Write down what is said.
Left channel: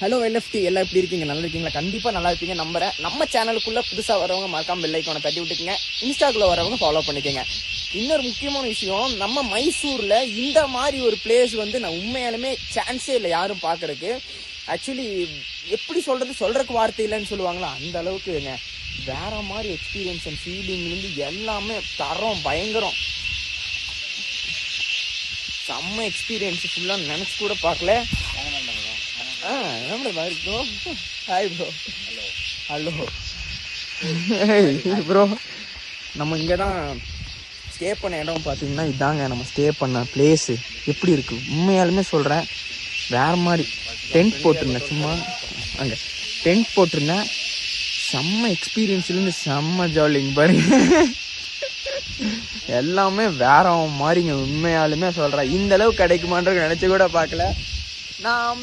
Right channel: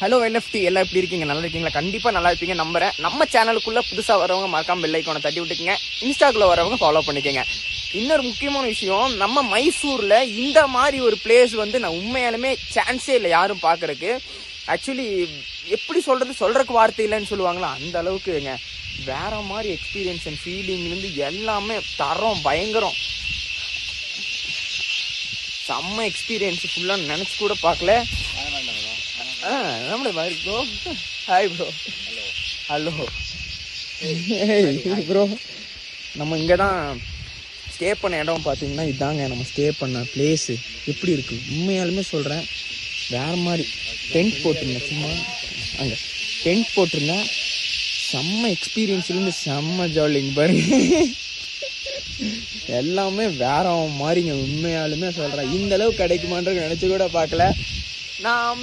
Hello LFT எல்லாம் எப்படி இருக்கீங்க? நல்லா இருக்கீங்களா? கண்டிப்பா நல்லா இருப்பீங்க நம்புறேன். நம்ம சேனலுக்குள்ள புதுசா வரவங்க மறக்காம பெல் ஐகானை தட்டி விட்டுக்கங்க. இன்ஸ்டாக்குள்ள வரவங்க ஃபாலோ பண்ணிக்கங்க. இன்னொரு முக்கியமான விஷயம், நம்ம மைசூர்ல இந்த மாதிரி ஒரு பிளேஸ் வந்து நான் உண்மையாலுமே சான்ஸே இல்லை யாரும் பாக்குறதுக்கு. ஆக்சுவலி எப்படி சொல்றதுக்கு வார்த்தை இல்லைன்னு சொல்லுவாங்களா, அந்த அளவுக்குங்க வேற மாதிரி எக்ஸ்பீரியன்ஸ் அண்ட் ஃபீலிங்ல இருந்து எல்லாமே தரம் பயங்கரம். செம்ம எக்ஸ்பீரியன்ஸ் ஃபுல்லா நினைச்சு கூட பார்க்கல. Hi bro. Hello bro. நம்ம இங்கதான் ஸ்டே பண்ண இடம் பாத்தீங்கன்னா இதாங்க நம்ம ஸ்டே பண்ண பிளேஸ். எப்படி இருக்கு உண்மையாலுமே சொல்றேன், வேற மாதிரி. டென்ட் போட்டிருந்தேன், சும்மா அங்க டென்ட் போட்டிருந்தேன். செம்ம எக்ஸ்பீரியன்ஸ்ல இருந்து செம்ம ஜாலிங்க பாருங்க. எல்லாமே வேற மாதிரிங்க. உண்மையாலுமே சொல்றேன், இந்த அளவு கிடைக்குமான்ற நினைச்சு கூட பார்க்கல. நாம்